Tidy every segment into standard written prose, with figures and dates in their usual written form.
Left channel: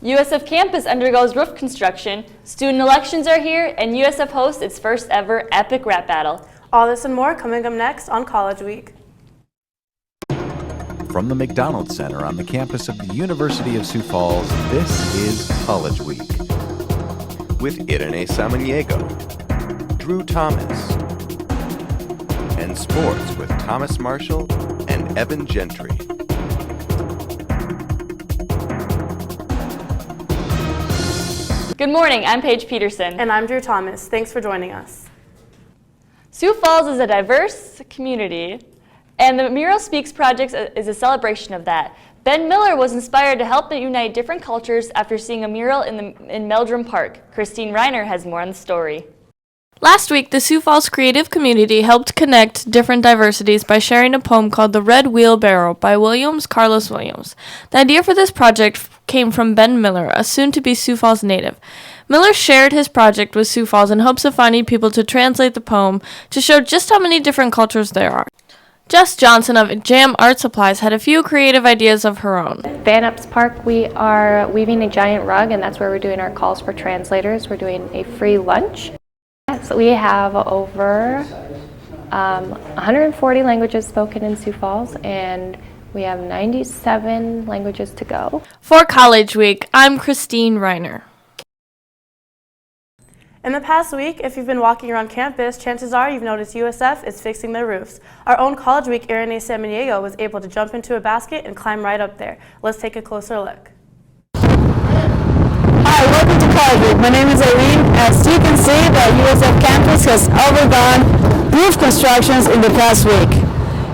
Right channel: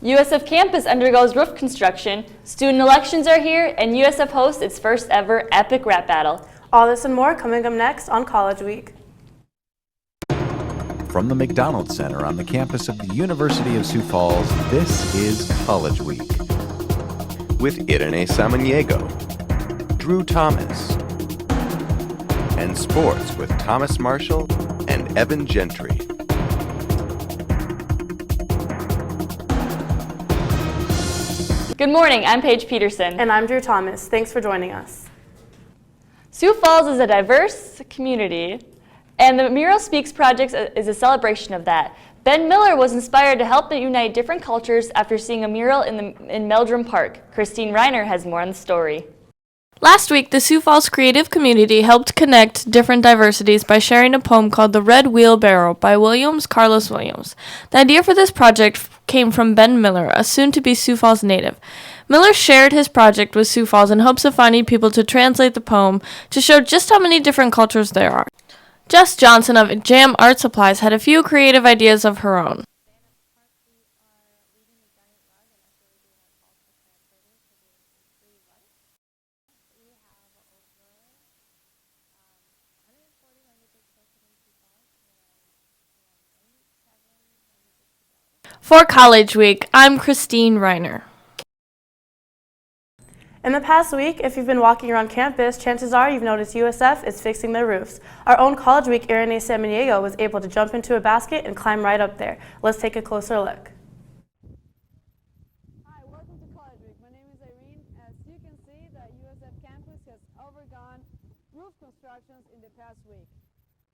USF campus undergoes roof construction, student elections are here, and USF hosts its first ever epic rap battle. All this and more coming up next on College Week. From the McDonald Center on the campus of the University of Sioux Falls, this is College Week with Irene Samaniego, Drew Thomas, and sports with Thomas Marshall and Evan Gentry. Good morning, I'm Paige Peterson. And I'm Drew Thomas. Thanks for joining us. Sioux Falls is a diverse community, and the Mural Speaks project is a celebration of that. Ben Miller was inspired to help unite different cultures after seeing a mural in Meldrum Park. Christine Reiner has more on the story. Last week, the Sioux Falls creative community helped connect different diversities by sharing a poem called The Red Wheelbarrow by Carlos Williams. The idea for this project came from Ben Miller, a soon-to-be Sioux Falls native. Miller shared his project with Sioux Falls in hopes of finding people to translate the poem to show just how many different cultures there are. Jess Johnson of Jam Art Supplies had a few creative ideas of her own. Van Ups Park, we are weaving a giant rug, and that's where we're doing our calls for translators. We're doing a free lunch. So we have over 140 languages spoken in Sioux Falls, and we have 97 languages to go. For College Week, I'm Christine Reiner. In the past week, if you've been walking around campus, chances are you've noticed USF is fixing their roofs. Our own College Week, Irene Samaniego, was able to jump into a basket and climb right up there. Let's take a closer look. Hi, welcome to College Week. My name is Irene. As you can see, the USF campus has undergone roof constructions in the past week.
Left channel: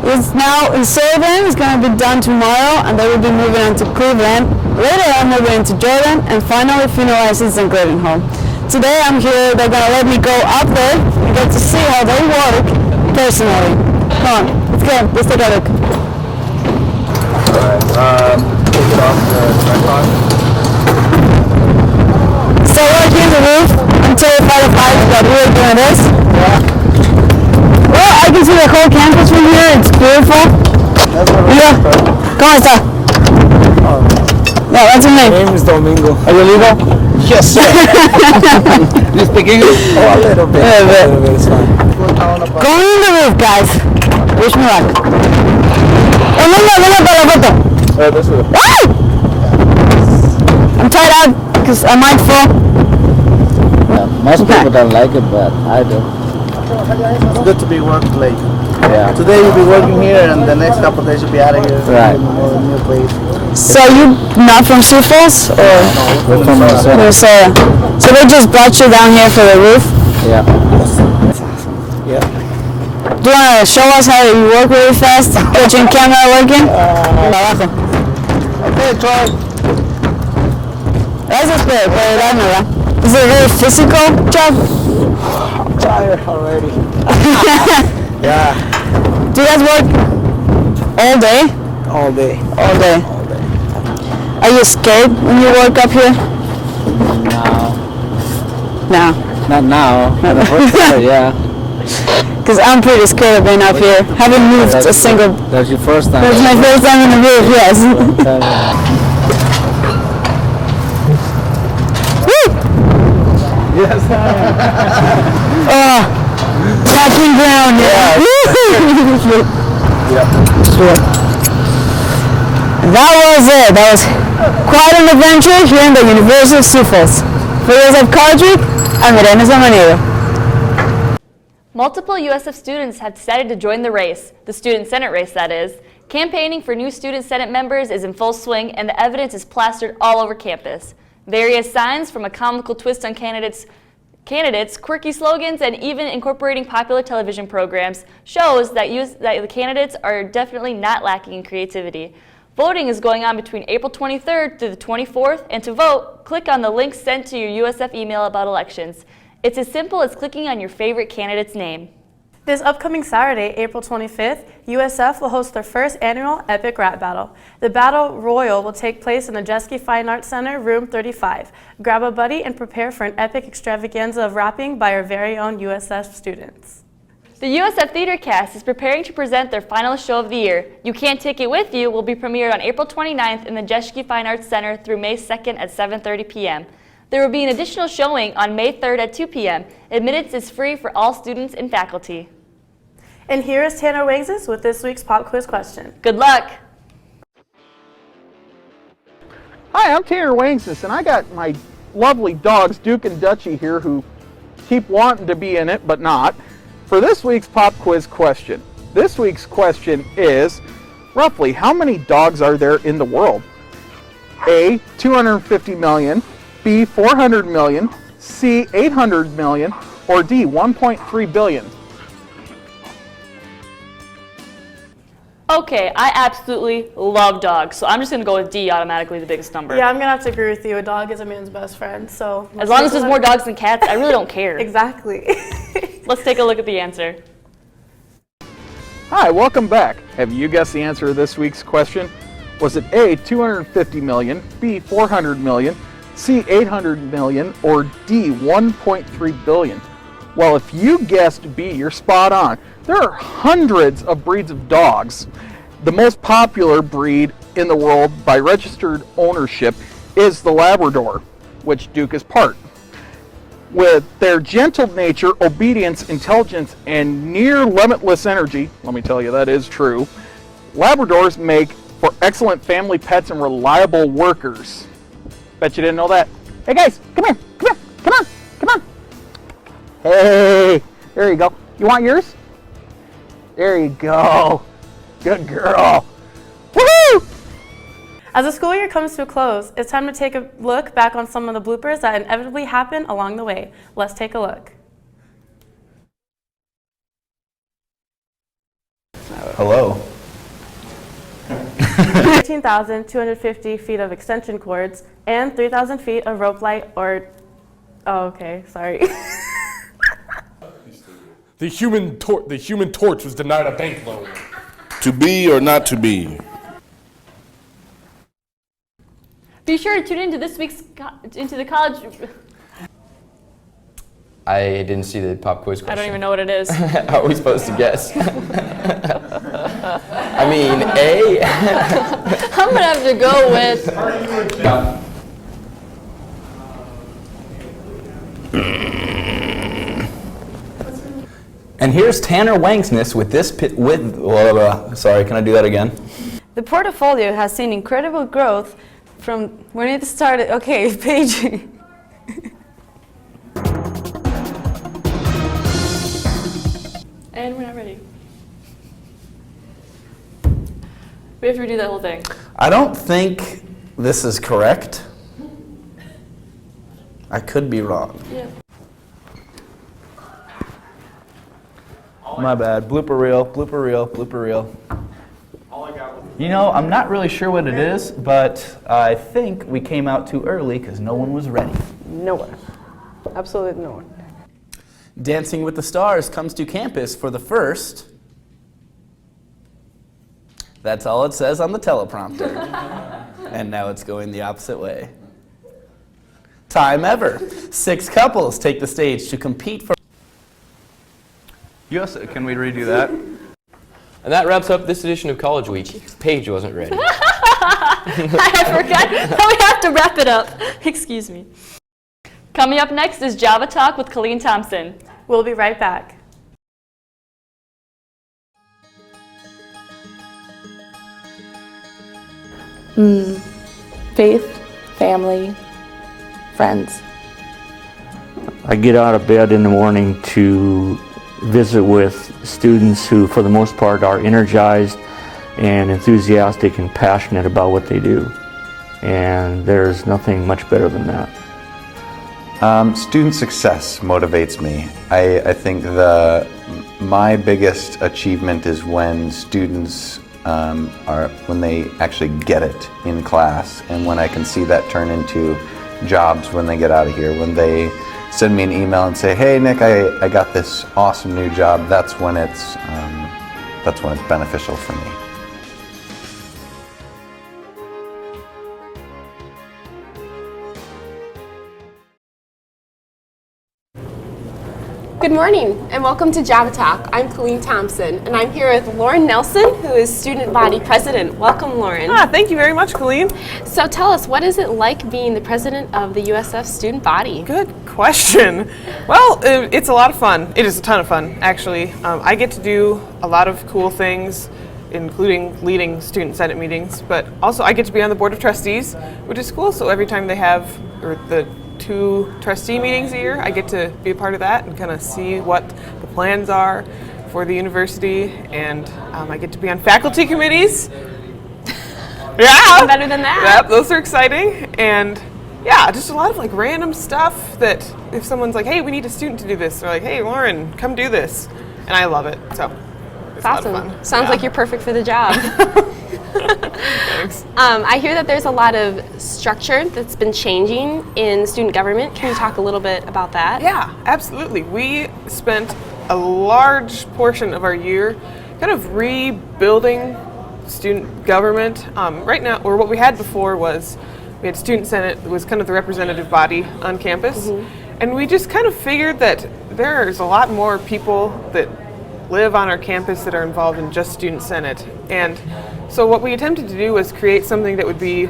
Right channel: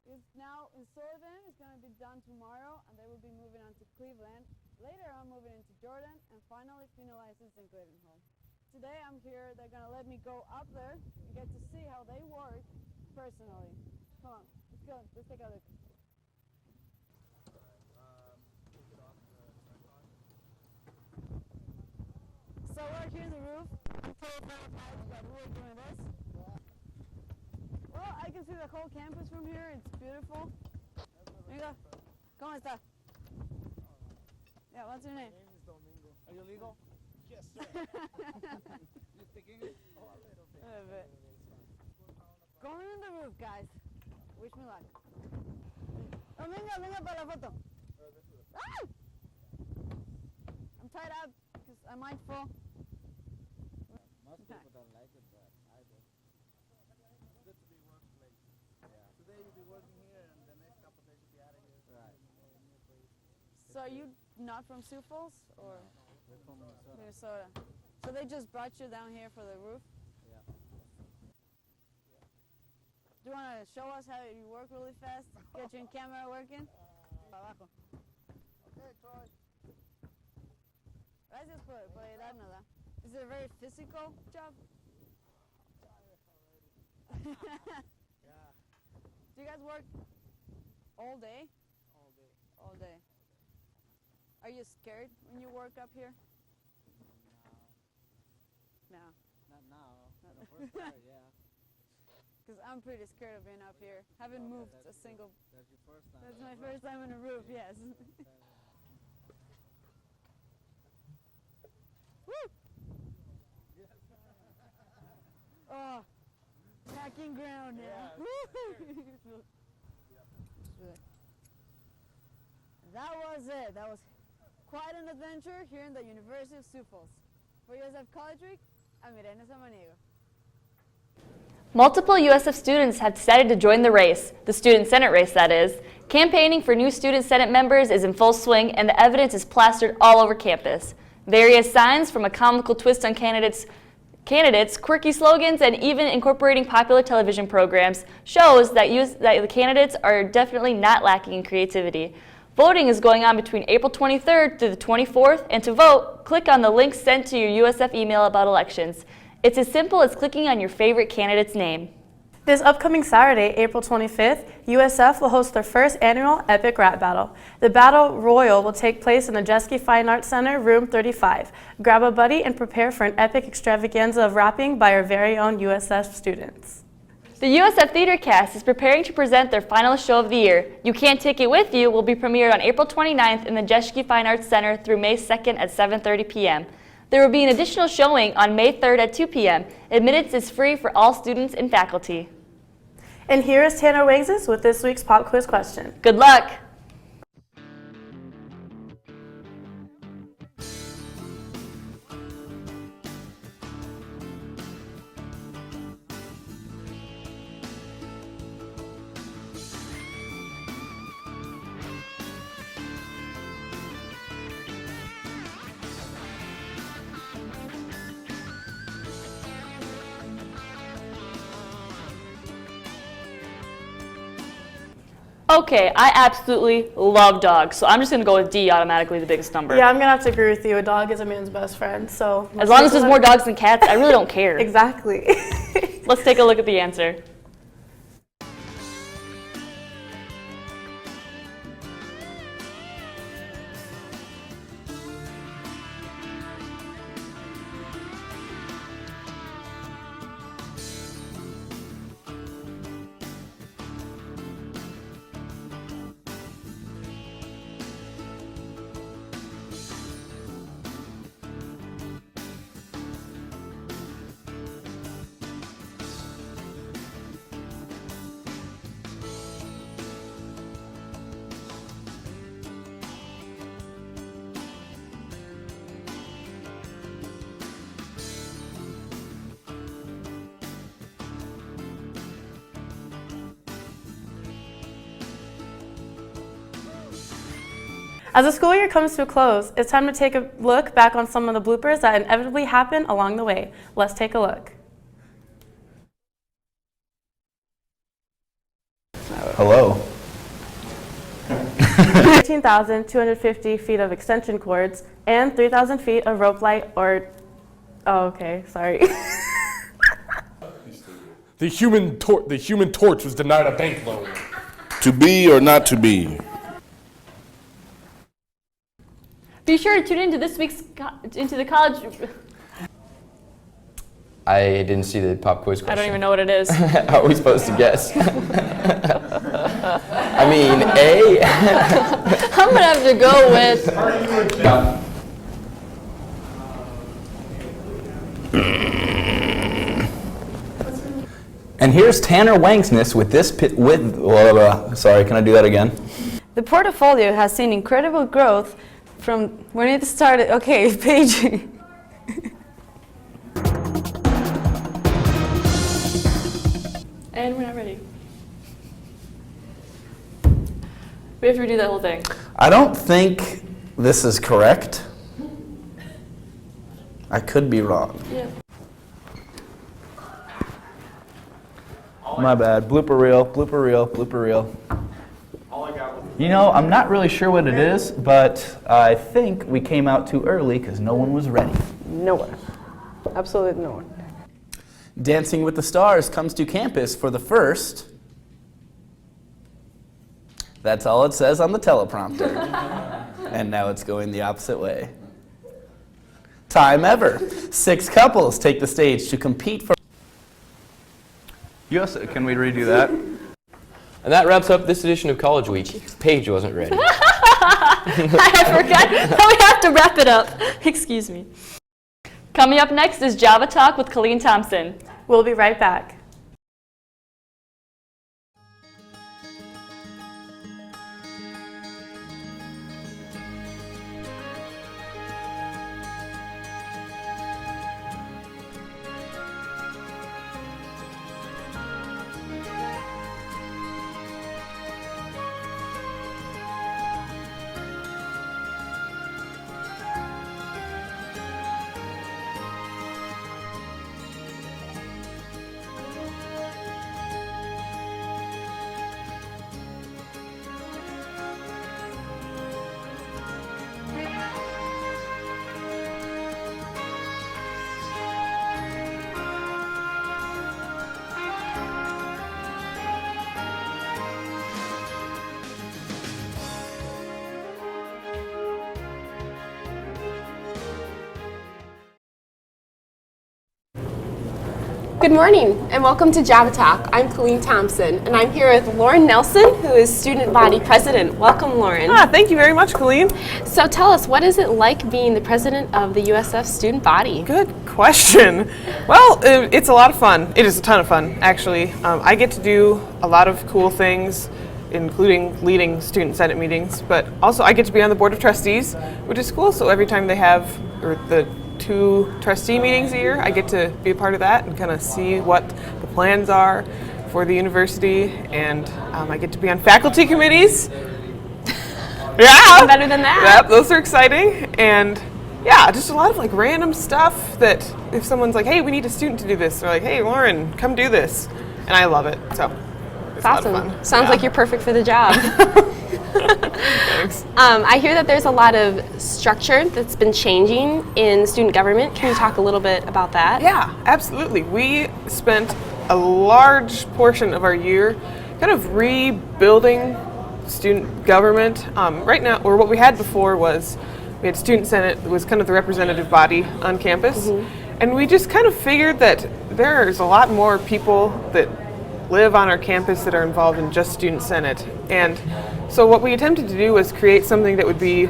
It's now in Sullivan, it's going to be done tomorrow, and they will be moving on to Cleveland. Later on, moving into Jordan, and finally finalizing in Gravenholm. Today I'm here, they're going to let me go up there and get to see how they work personally. Come on, let's go, let's take a look. Alright, take it off the tripod. So working the roof until 5 o'clock, but we're doing this. Yeah. Well, I can see the whole campus from here, it's beautiful. Yeah, come on, sir. Yeah, what's your name? My name is Domingo. Are you legal? Yes, sir. You speak English? Oh, a little bit. A little bit, it's fine. Going in the roof, guys. Wish me luck. Oh, venga para la foto. This way. I'm tied out because I might fall. Yeah, most people don't like it, but I do. It's good to be working late. Yeah. Today you'll be working here, and the next couple of days you'll be out of here. Right. New place. So you not from Sioux Falls? Or? No, we're from Minnesota. So they just brought you down here for the roof? Yeah. Yeah. Do you want to show us how you work really fast? Get your camera working? Okay, try. Gracias por darme, ¿verdad? Is it a very physical job? I'm tired already. Yeah. Do you guys work all day? All day. All day. Are you scared when you work up here? No. No. Not now. Not the first time, yeah. Because I'm pretty scared of being up here. Haven't moved a single... That's your first time. That's my first time in the roof, yes. Woo! Yes. Touching ground, Yeah. That was it. That was quite an adventure here in the University of Sioux Falls. For USF College Week, I'm Irene Samaniego. Multiple USF students have decided to join the race, the Student Senate race that is. Campaigning for new Student Senate members is in full swing, and the evidence is plastered all over campus. Various signs, from a comical twist on candidates, quirky slogans, and even incorporating popular television programs, shows that the candidates are definitely not lacking in creativity. Voting is going on between April 23rd through the 24th, and to vote, click on the link sent to your USF email about elections. It's as simple as clicking on your favorite candidate's name. This upcoming Saturday, April 25th, USF will host their first annual Epic Rap Battle. The Battle Royal will take place in the Jeske Fine Arts Center, room 35. Grab a buddy and prepare for an epic extravaganza of rapping by our very own USF students. The USF Theater Cast is preparing to present their final show of the year. You Can't Take It With You will be premiered on April 29th in the Jeschke Fine Arts Center through May 2nd at 7:30 p.m. There will be an additional showing on May 3rd at 2 p.m. Admittance is free for all students and faculty. And here is Tanner Wangses with this week's pop quiz question. Good luck! Hi, I'm Tanner Wangses, and I got my lovely dogs, Duke and Dutchie, here who keep wanting to be in it, but not. For this week's pop quiz question, this week's question is, roughly how many dogs are there in the world? A, 250 million, B, 400 million, C, 800 million, or D, 1.3 billion? Okay, I absolutely love dogs, so I'm just going to go with D, automatically the biggest number. Yeah, I'm gonna have to agree with you. A dog is a man's best friend, so. As long as there's more dogs than cats, I really don't care. Exactly. Let's take a look at the answer. Hi, welcome back. Have you guessed the answer to this week's question? Was it A, 250 million, B, 400 million, C, 800 million, or D, 1.3 billion? Well, if you guessed B, you're spot on. There are hundreds of breeds of dogs. The most popular breed in the world by registered ownership is the Labrador, which Duke is part. With their gentle nature, obedience, intelligence, and near limitless energy, let me tell you that is true, Labradors make for excellent family pets and reliable workers. Bet you didn't know that. Hey guys, come here, come here, come on, come on. Hey, there you go. You want yours? There you go. Good girl. Woohoo! As the school year comes to a close, it's time to take a look back on some of the bloopers that inevitably happen along the way. Let's take a look. Hello. 13,250 feet of extension cords and 3,000 feet of rope light or, oh, okay, sorry. The Human Torch was denied a bank loan. To be or not to be? Be sure to tune into this week's into the college. I didn't see the pop quiz question. I don't even know what it is. How are we supposed to guess? I mean, A? I'm gonna have to go with. No. And here's Tanner Wangsness with this sorry, can I do that again? The portfolio has seen incredible growth from when it started. Okay, page. And we're not ready. We have to redo that whole thing. I don't think this is correct. I could be wrong. Yeah. My bad. Blooper reel, blooper reel, blooper reel. You know, I'm not really sure what it is, but I think we came out too early because no one was ready. No one. Absolutely no one. Dancing with the Stars comes to campus for the first. That's all it says on the teleprompter. And now it's going the opposite way. Time ever. 6 couples take the stage to compete for. Yes, can we redo that? And that wraps up this edition of College Week. Paige wasn't ready. I forgot that we have to wrap it up. Excuse me. Coming up next is Java Talk with Colleen Thompson. We'll be right back. Faith, family, friends. I get out of bed in the morning to visit with students who, for the most part, are energized and enthusiastic and passionate about what they do. And there's nothing much better than that. Student success motivates me. I think my biggest achievement is when students when they actually get it in class, and when I can see that turn into jobs when they get out of here, when they send me an email and say, hey Nick, I got this awesome new job. That's when it's beneficial for me. Good morning and welcome to Java Talk. I'm Colleen Thompson and I'm here with Lauren Nelson, who is Student Body President. Welcome, Lauren. Thank you very much, Colleen. So tell us, what is it like being the president of the USF Student Body? Good question. Well, it's a lot of fun. It is a ton of fun, actually. I get to do a lot of cool things, including leading student senate meetings, but also I get to be on the board of trustees, which is cool. So every time they have the 2 trustee meetings a year, I get to be a part of that and kind of see what the plans are for the university, and I get to be on faculty committees. Yeah, better than that. Yep, those are exciting, and yeah, just a lot of like random stuff that if someone's like, hey, we need a student to do this, they're like, hey, Lauren, come do this, and I love it. So it's awesome. a lot of fun. Sounds like you're perfect for the job. Thanks. I hear that there's a lot of structure that's been changing in student government. Can you talk a little bit about that? Yeah, absolutely. We spent a large portion of our year kind of rebuilding student government. Right now, or what we had before was we had Student Senate, that was kind of the representative body on campus. And we just kind of figured that there's a lot more people that live on our campus that are involved in just Student Senate. And so what we attempted to do was create something that would be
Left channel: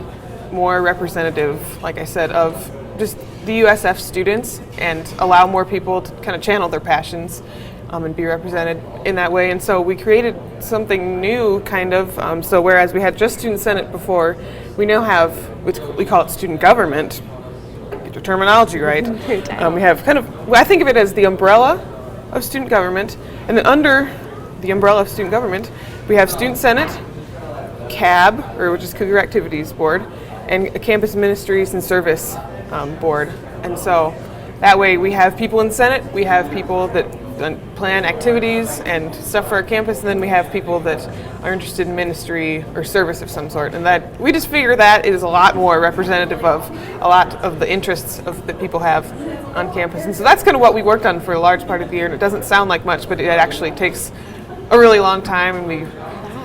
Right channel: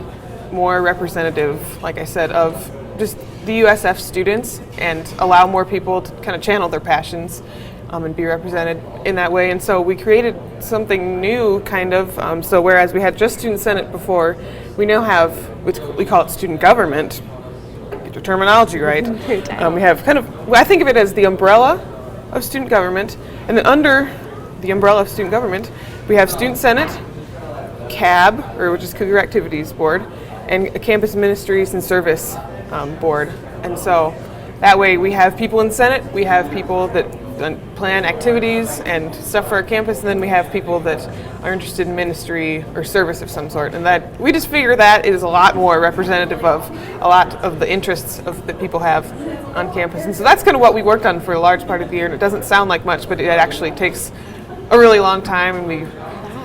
more representative, like I said, of just the USF students and allow more people to kind of channel their passions and be represented in that way. And so we created something new, kind of. So whereas we had just Student Senate before, we now have, we call it student government. Get your terminology right. We have kind of, I think of it as the umbrella of student government, and then under the umbrella of student government, we have Student Senate, CAB, which is Cougar Activities Board, and a Campus Ministries and Service Board. And so that way we have people in Senate, we have people that plan activities and stuff for our campus, and then we have people that are interested in ministry or service of some sort. And that we just figure that is a lot more representative of a lot of the interests that people have on campus. And so that's kind of what we worked on for a large part of the year. And it doesn't sound like much, but it actually takes a really long time. And we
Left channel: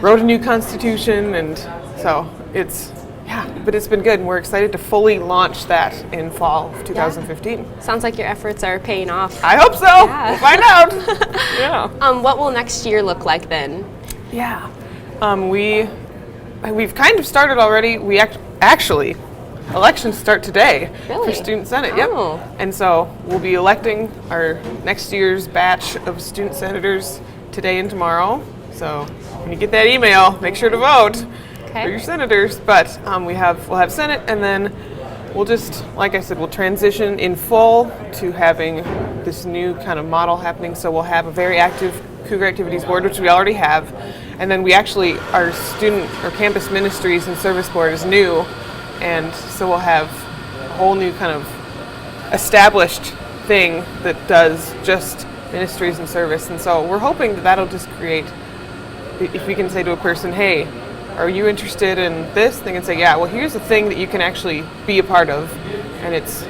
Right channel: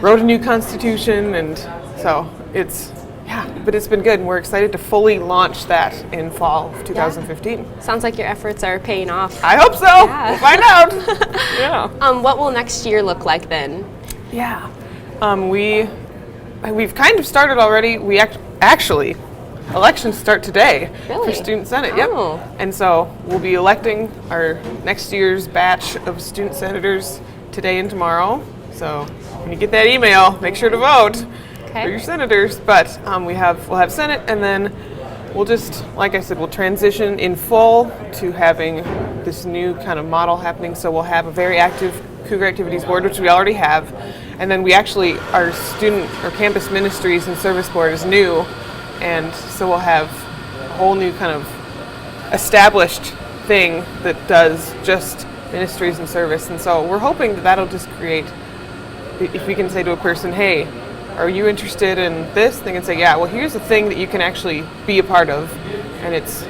wrote a new constitution, and so it's, yeah, but it's been good, and we're excited to fully launch that in fall of 2015. Yeah. Sounds like your efforts are paying off. I hope so. Yeah. We'll find out. Yeah. What will next year look like then? Yeah. We've kind of started already. We actually, elections start today for Student Senate. Oh. Yep. And so we'll be electing our next year's batch of student senators today and tomorrow. So when you get that email, make sure to vote for your senators. But we'll have Senate, and then we'll just, like I said, we'll transition in full to having this new kind of model happening. So we'll have a very active Cougar Activities Board, which we already have, and then we actually, our student or campus ministries and service board is new, and so we'll have a whole new kind of established thing that does just ministries and service. And so we're hoping that that'll just create, if we can say to a person, hey, are you interested in this? They can say, yeah, well, here's a thing that you can actually be a part of, and it's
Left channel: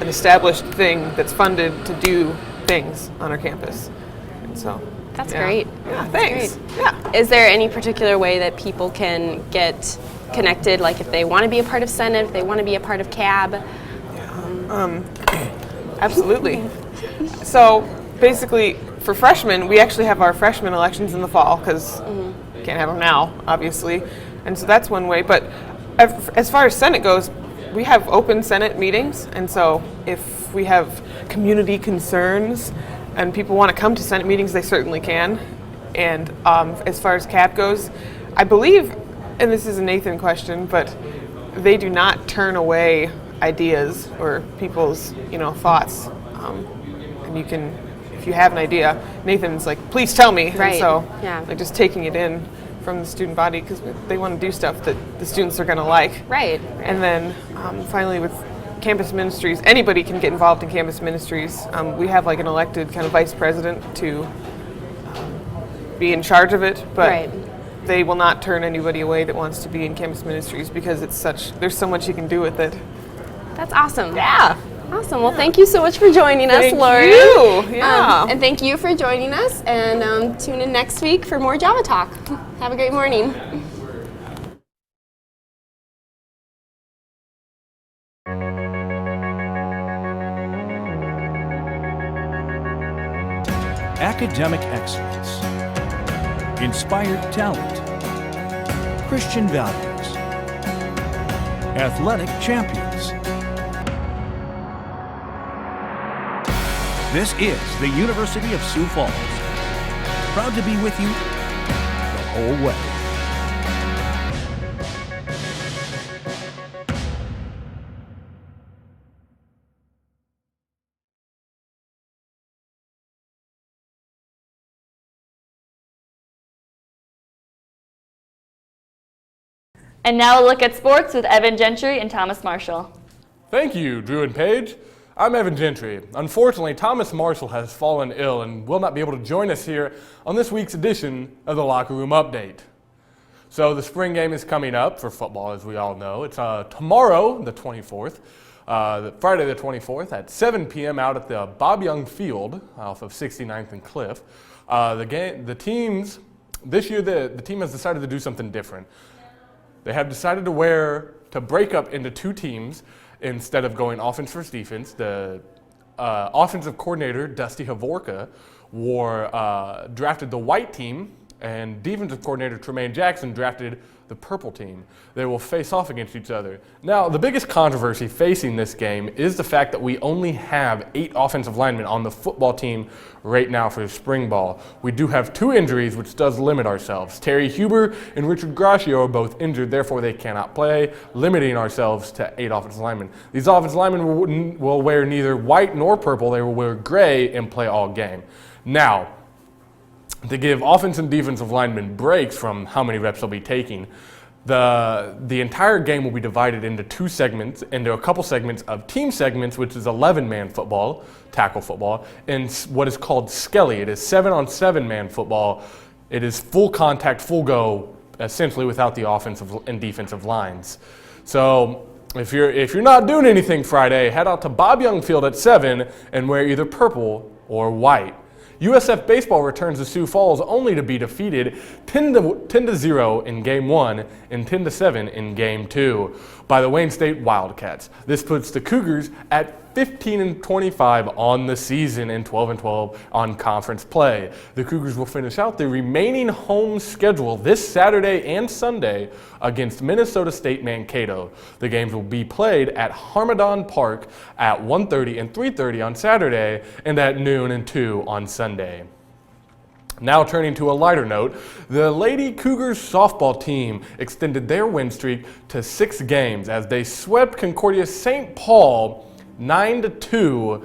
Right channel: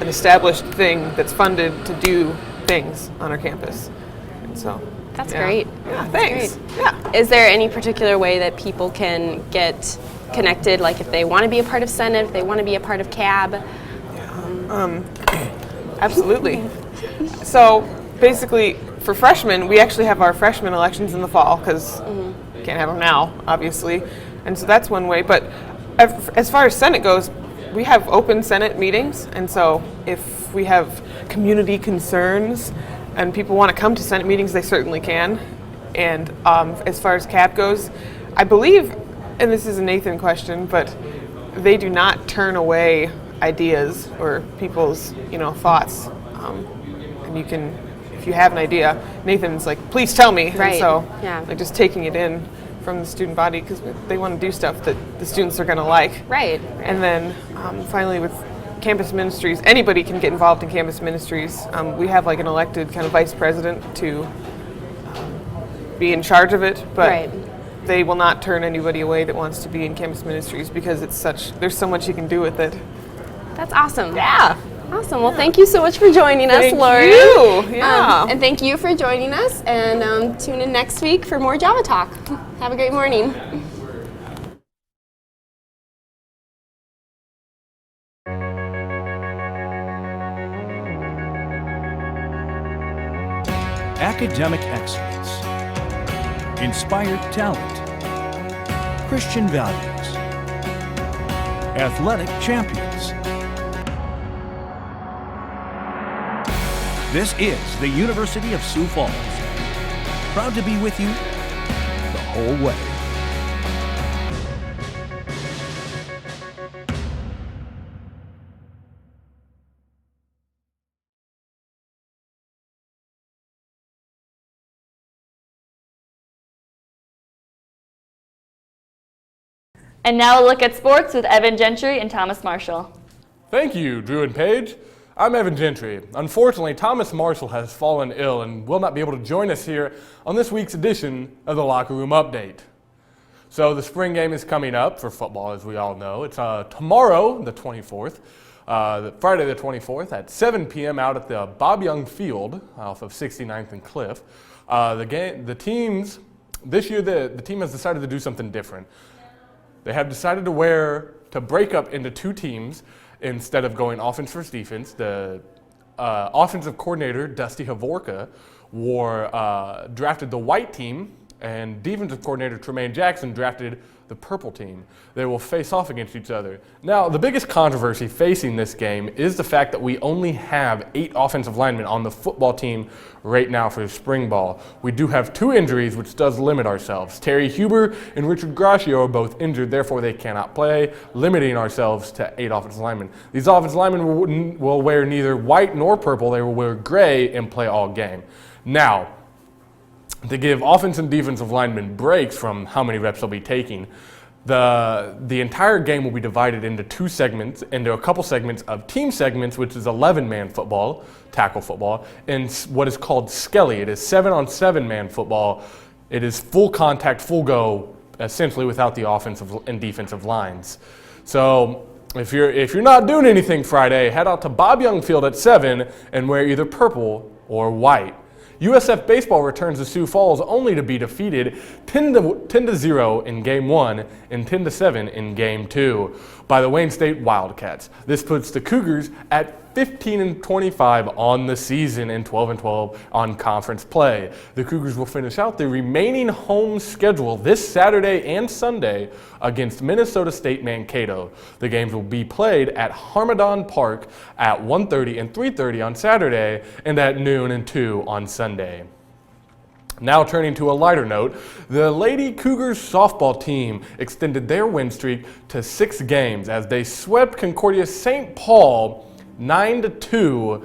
an established thing that's funded to do things on our campus. And so that's great. Yeah, thanks. Great. Yeah. Is there any particular way that people can get connected, like if they want to be a part of Senate, if they want to be a part of CAB? Absolutely. So basically, for freshmen, we actually have our freshman elections in the fall because we can't have them now, obviously. And so that's one way. But as far as Senate goes, we have open Senate meetings. And so if we have community concerns and people want to come to Senate meetings, they certainly can. And as far as CAB goes, I believe, and this is a Nathan question, but they do not turn away ideas or people's, thoughts. And you can, if you have an idea, Nathan's like, please tell me. Right. And so, yeah. like, just taking it in from the student body because they want to do stuff that the students are going to like. Right. And then finally with campus ministries, anybody can get involved in campus ministries. We have like an elected kind of vice president to be in charge of it, but they will not turn anybody away that wants to be in campus ministries because there's so much you can do with it. That's awesome. Yeah. Awesome. Well, thank you so much for joining us, Lauren. Thank you. Yeah. And thank you for joining us. And tune in next week for more Java Talk. Have a great morning. academic excellence, inspired talent, Christian values, athletic champions. This is the University of Sioux Falls. Proud to be with you the whole way. And now a look at sports with Evan Gentry and Thomas Marshall. Thank you, Drew and Paige. I'm Evan Gentry. Unfortunately, Thomas Marshall has fallen ill and will not be able to join us here on this week's edition of the Locker Room Update. So the spring game is coming up for football, as we all know. It's tomorrow, the 24th, Friday the 24th at 7 p.m. out at the Bob Young Field off of 69th and Cliff. The teams, this year the team has decided to do something different. They have decided to break up into two teams instead of going offense versus defense. The offensive coordinator, Dusty Havorka, drafted the white team, and defensive coordinator, Tremaine Jackson, drafted the purple team. They will face off against each other. Now, the biggest controversy facing this game is the fact that we only have 8 offensive linemen on the football team right now for spring ball. We do have 2 injuries, which does limit ourselves. Terry Huber and Richard Gracio are both injured, therefore they cannot play, limiting ourselves to 8 offensive linemen. These offensive linemen will wear neither white nor purple. They will wear gray and play all game. Now, to give offensive and defensive linemen breaks from how many reps they'll be taking, the entire game will be divided into a couple segments of team segments, which is 11-man football, tackle football, and what is called skelly. It is 7-on-7 man football. It is full contact, full go, essentially without the offensive and defensive lines. So if you're not doing anything Friday, head out to Bob Young Field at 7 and wear either purple or white. USF baseball returns to Sioux Falls only to be defeated 10-0 in Game 1 and 10-7 in Game 2 by the Wayne State Wildcats. This puts the Cougars at 15-25 on the season and 12-12 on conference play. The Cougars will finish out the remaining home schedule this Saturday and Sunday against Minnesota State Mankato. The games will be played at Harmadon Park at 1:30 and 3:30 on Saturday and at noon and 2 on Sunday. Now turning to a lighter note, the Lady Cougars softball team extended their win streak to 6 games as they swept Concordia St. Paul 9-2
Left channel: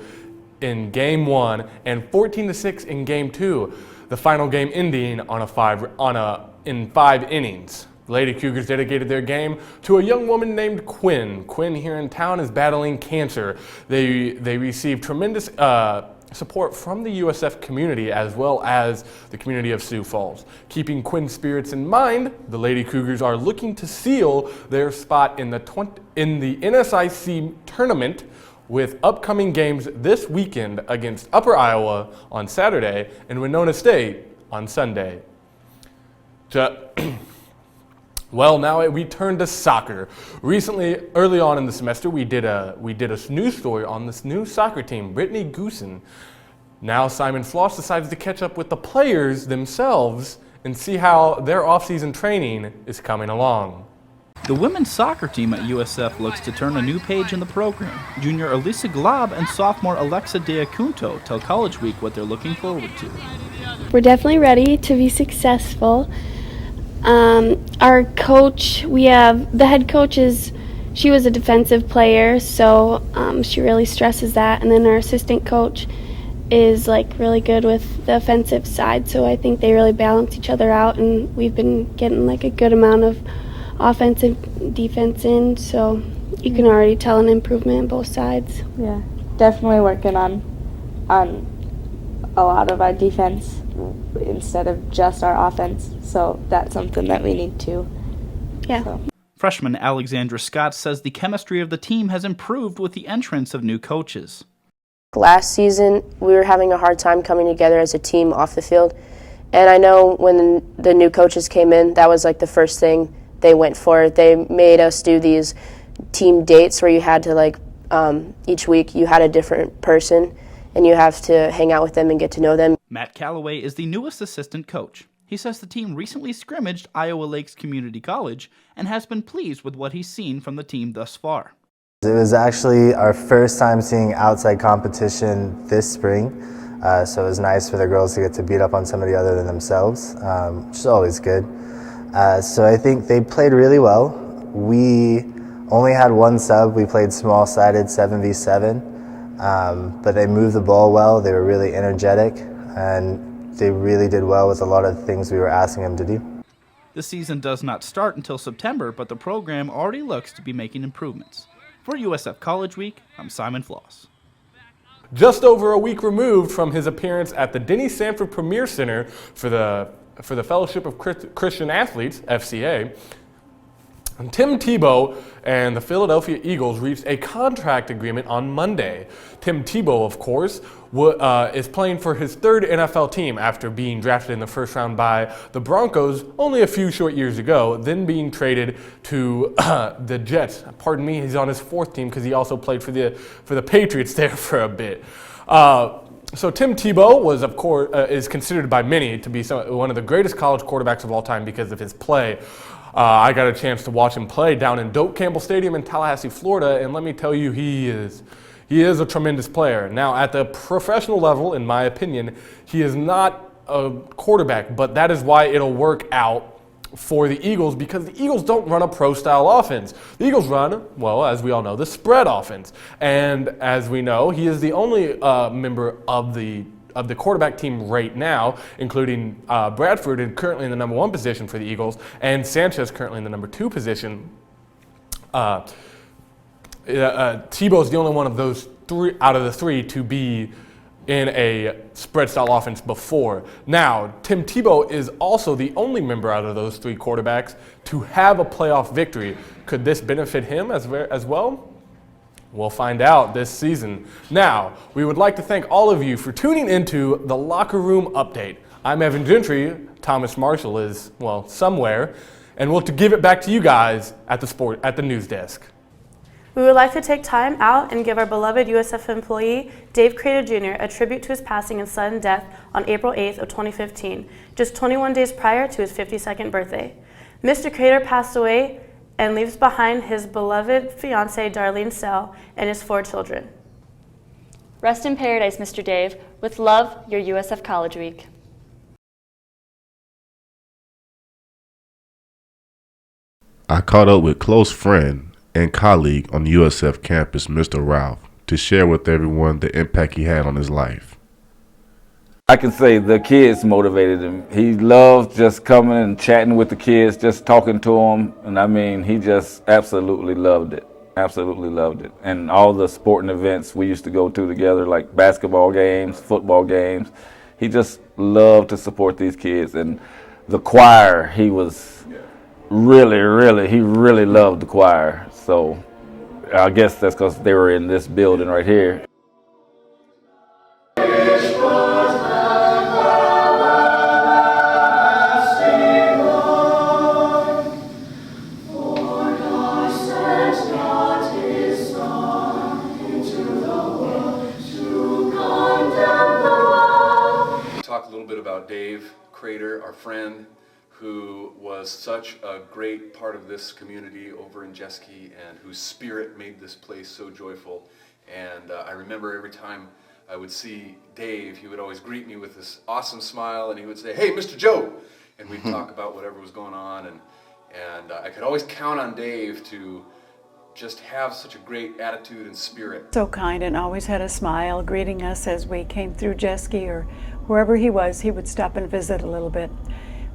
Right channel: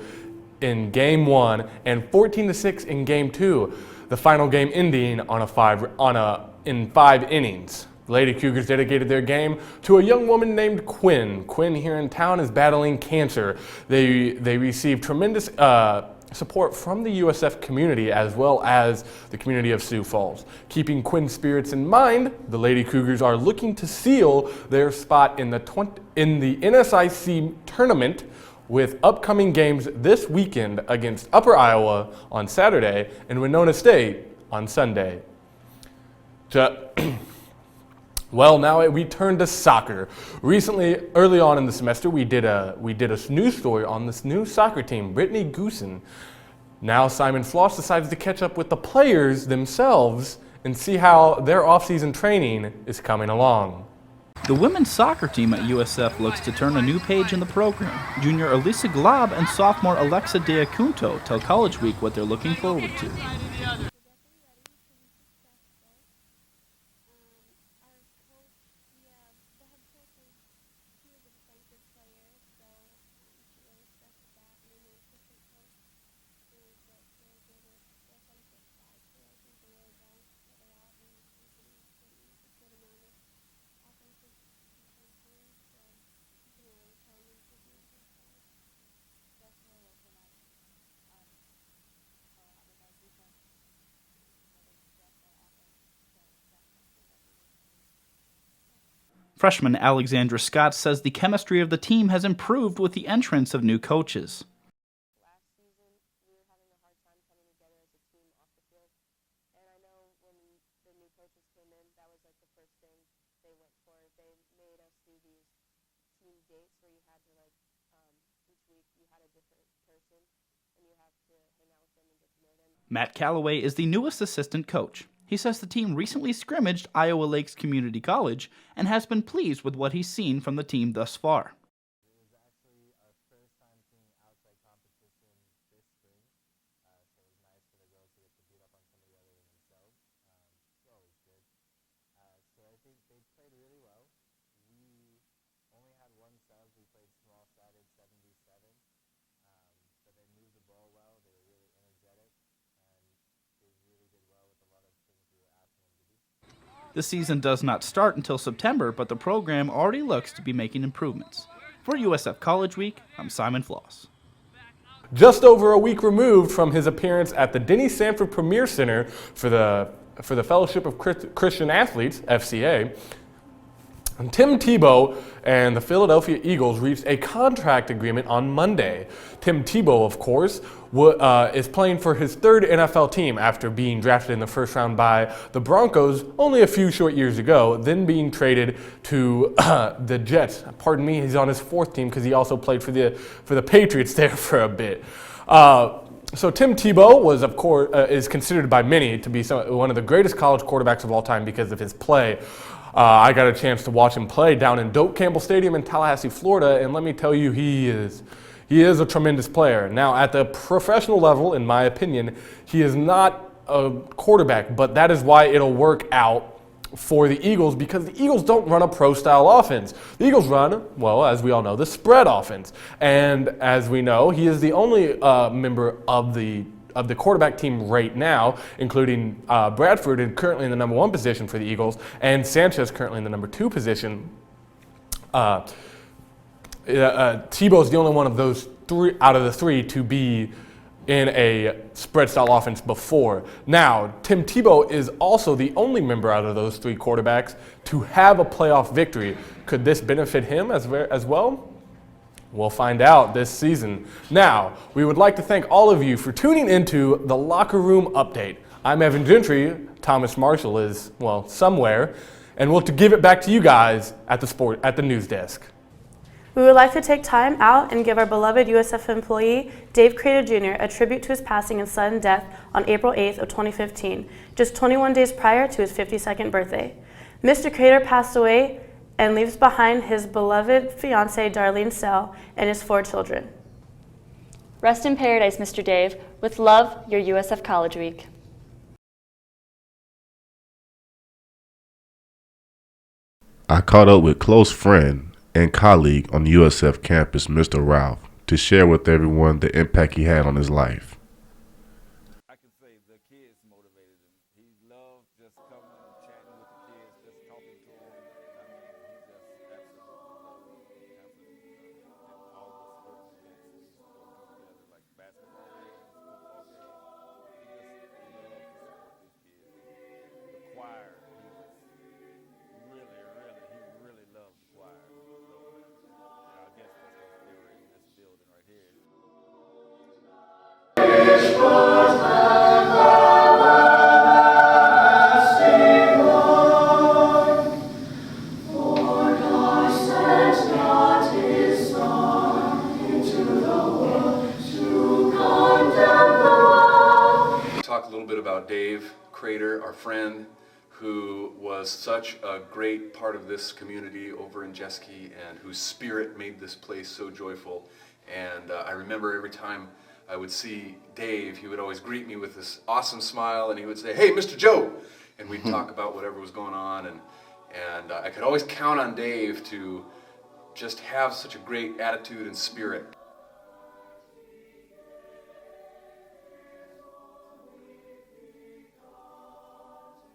in Game 1 and 14-6 in Game 2. The final game ending in 5 innings. The Lady Cougars dedicated their game to a young woman named Quinn. Quinn here in town is battling cancer. They received tremendous support from the USF community as well as the community of Sioux Falls. Keeping Quinn's spirits in mind, the Lady Cougars are looking to seal their spot in the NSIC tournament with upcoming games this weekend against Upper Iowa on Saturday and Winona State on Sunday. Well, now we turn to soccer. Recently, early on in the semester, we did a news story on this new soccer team, Brittany Goosen. Now Simon Floss decides to catch up with the players themselves and see how their off-season training is coming along. The women's soccer team at USF looks to turn a new page in the program. Junior Elisa Glob and sophomore Alexa Deacunto tell College Week what they're looking forward to. We're definitely ready to be successful. Our coach, the head coach she was a defensive player, so she really stresses that. And then our assistant coach is really good with the offensive side, so I think they really balance each other out, and we've been getting a good amount of offense and defense in, so you can already tell an improvement on both sides. Yeah, definitely working on a lot of our defense instead of just our offense, so that's something that we need to. Yeah. So. Freshman Alexandra Scott says the chemistry of the team has improved with the entrance of new coaches. Last season, we were having a hard time coming together as a team off the field, and I know when the new coaches came in, that was the first thing they went for. They made us do these team dates where you had to each week you had a different person, and you have to hang out with them and get to know them. Matt Calloway is the newest assistant coach. He says the team recently scrimmaged Iowa Lakes Community College and has been pleased with what he's seen from the team thus far. It was actually our first time seeing outside competition this spring, so it was nice for the girls to get to beat up on somebody other than themselves, which is always good. So I think they played really well. We only had one sub. We played small-sided 7v7, but they moved the ball well. They were really energetic, and they really did well with a lot of things we were asking them to do. The season does not start until September, but the program already looks to be making improvements. For USF College Week, I'm Simon Floss. Just over a week removed from his appearance at the Denny Sanford Premier Center for the Fellowship of Christian Athletes, FCA, Tim Tebow and the Philadelphia Eagles reached a contract agreement on Monday. Tim Tebow, of course, is playing for his third NFL team after being drafted in the first round by the Broncos only a few short years ago, then being traded to the Jets. Pardon me, he's on his fourth team because he also played for the Patriots there for a bit. So Tim Tebow was, of course, is considered by many to be one of the greatest college quarterbacks of all time because of his play. I got a chance to watch him play down in Doak Campbell Stadium in Tallahassee, Florida, and let me tell you, he is a tremendous player. Now, at the professional level, in my opinion, he is not a quarterback, but that is why it'll work out for the Eagles, because the Eagles don't run a pro-style offense. The Eagles run, well, as we all know, the spread offense. And as we know, he is the only member of the quarterback team right now, including Bradford, and currently in the number 1 position for the Eagles, and Sanchez currently in the number 2 position. Tebow is the only one of those three out of the three to be in a spread style offense before. Now, Tim Tebow is also the only member out of those three quarterbacks to have a playoff victory. Could this benefit him as well? We'll find out this season. Now, we would like to thank all of you for tuning into the Locker Room Update. I'm Evan Gentry. Thomas Marshall is, well, somewhere. And we'll give it back to you guys at the news desk. We would like to take time out and give our beloved USF employee, Dave Crater Jr., a tribute to his passing and sudden death on April 8th of 2015, just 21 days prior to his 52nd birthday. Mr. Crater passed away and leaves behind his beloved fiancée, Darlene Sell, and his 4 children. Rest in paradise, Mr. Dave. With love, your USF College Week. I caught up with close friend and colleague on the USF campus, Mr. Ralph, to share with everyone the impact he had on his life. I can say the kids motivated him. He loved just coming and chatting with the kids, just talking to them. And I mean, he just absolutely loved it. Absolutely loved it. And all the sporting events we used to go to together, like basketball games, football games, he just loved to support these kids. And the choir, he was really loved the choir. So I guess that's because they were in this building right here. Dave Crater, our friend, who was such a great part of this community over in Jeske and whose spirit made this place so joyful. And I remember every time I would see Dave, he would always greet me with this awesome smile and he would say, "Hey, Mr. Joe!" And we'd talk about whatever was going on. And I could always count on Dave to just have such a great attitude and spirit. So kind and always had a smile, greeting us as we came through Jeske or wherever he was. He would stop and visit a little bit.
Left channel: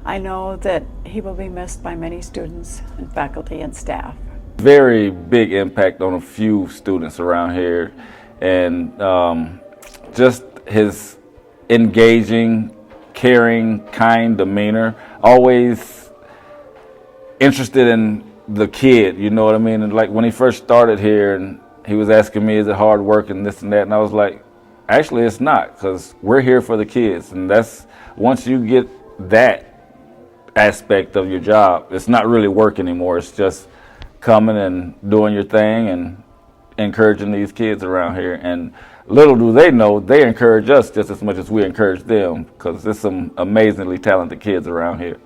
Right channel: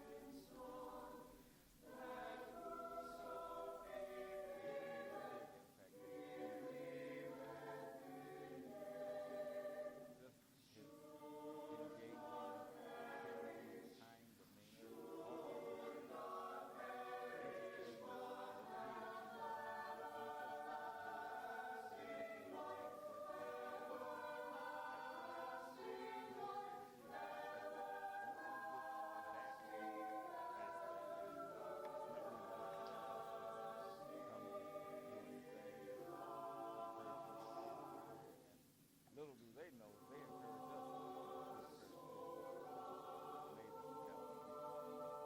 I know that he will be missed by many students and faculty and staff. Very big impact on a few students around here, and just his engaging, caring, kind demeanor, always interested in the kid, you know what I mean? And like when he first started here and he was asking me, is it hard work and this and that, and I was like, actually it's not, because we're here for the kids. And that's, once you get that aspect of your job, it's not really work anymore. It's just coming and doing your thing and encouraging these kids around here. And little do they know, they encourage us just as much as we encourage them, because there's some amazingly talented kids around here.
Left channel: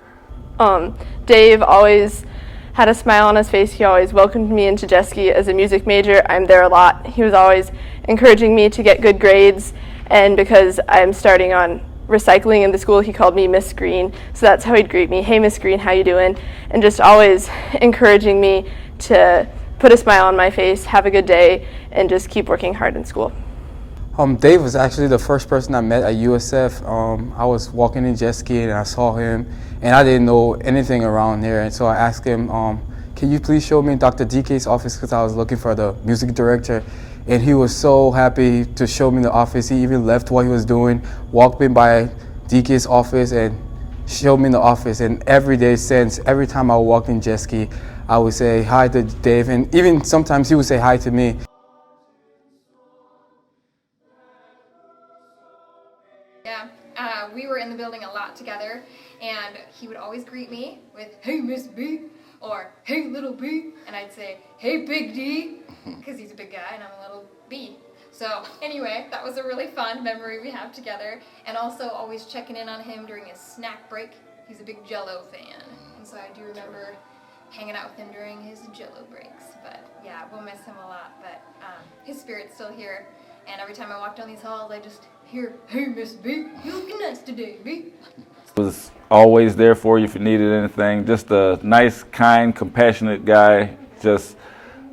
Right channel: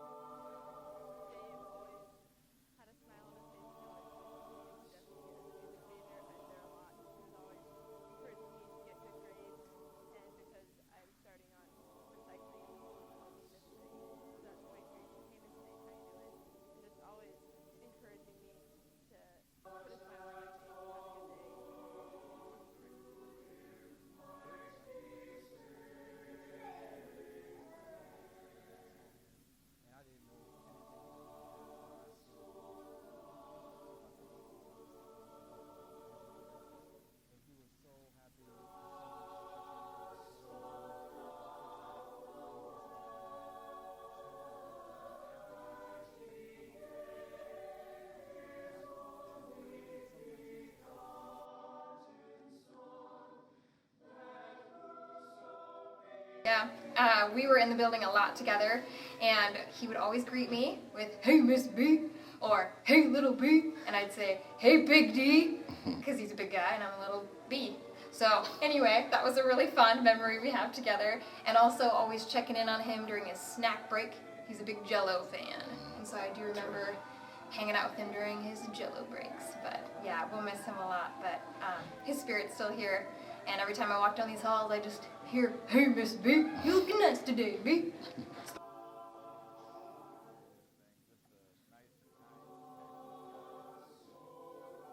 Dave always had a smile on his face. He always welcomed me into Jeske as a music major. I'm there a lot. He was always encouraging me to get good grades, and because I'm starting on recycling in the school, he called me Miss Green, so that's how he'd greet me. Hey, Miss Green, how you doing? And just always encouraging me to put a smile on my face, have a good day, and just keep working hard in school. Dave was actually the first person I met at USF. I was walking in Jeske and I saw him, and I didn't know anything around here, and so I asked him, can you please show me Dr. DK's office, because I was looking for the music director. And he was so happy to show me the office. He even left what he was doing, walked in by DK's office and showed me the office. And every day since, every time I walked in Jeske, I would say hi to Dave, and even sometimes he would say hi to me. Yeah, we were in the building a lot together, and he would always greet me with, hey, Miss B, or hey, little B, and I'd say, hey, Big D, because he's a big guy and I'm a little B. So anyway, that was a really fun memory we have together, and also always checking in on him during his snack break. He's a big Jell-O fan, and so I do remember hanging out with him during his Jell-O breaks. But yeah, we'll miss him a lot, but his spirit's still here, and every time I walk down these halls, I just hear, hey, Miss B, you looking nice today, B. Was always there for you if you needed anything. Just a nice, kind, compassionate guy. Just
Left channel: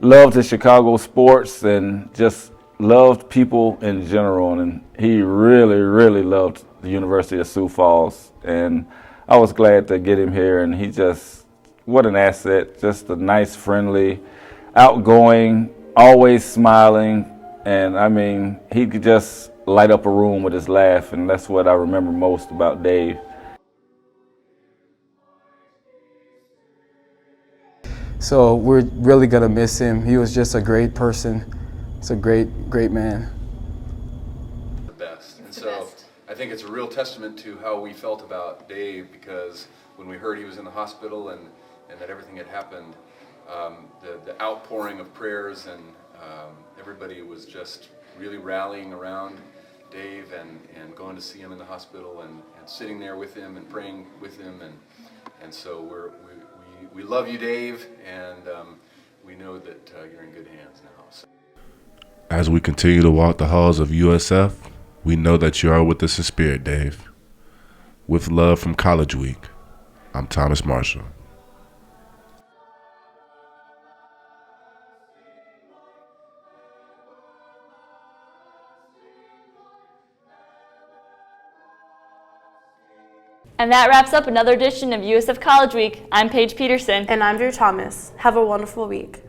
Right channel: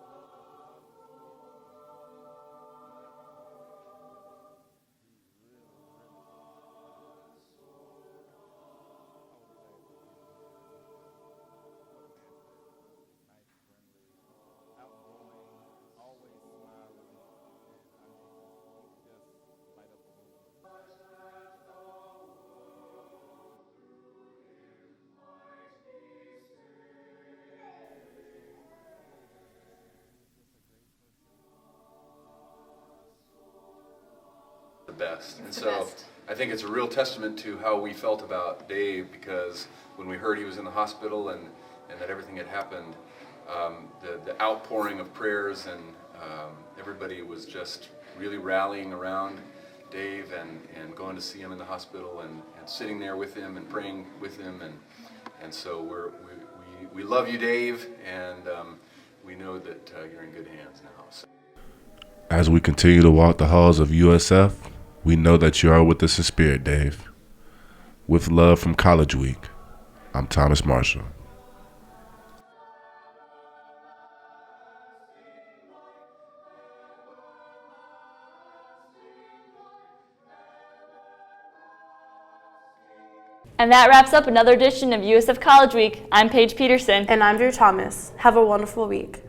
loved his Chicago sports and just loved people in general. And he really, really loved the University of Sioux Falls. And I was glad to get him here. And he just, what an asset. Just a nice, friendly, outgoing, always smiling. And I mean, he could just light up a room with his laugh. And that's what I remember most about Dave. So we're really gonna miss him. He was just a great person. He's a great, great man. The best. And so I think it's a real testament to how we felt about Dave, because when we heard he was in the hospital and that everything had happened, the outpouring of prayers and everybody was just really rallying around Dave and going to see him in the hospital and sitting there with him and praying with him. And so we love you, Dave, and we know that you're in good hands now. So. As we continue to walk the halls of USF, we know that you are with us in spirit, Dave. With love from College Week, I'm Thomas Marshall. And that wraps up another edition of USF College Week. I'm Paige Peterson. And I'm Drew Thomas. Have a wonderful week.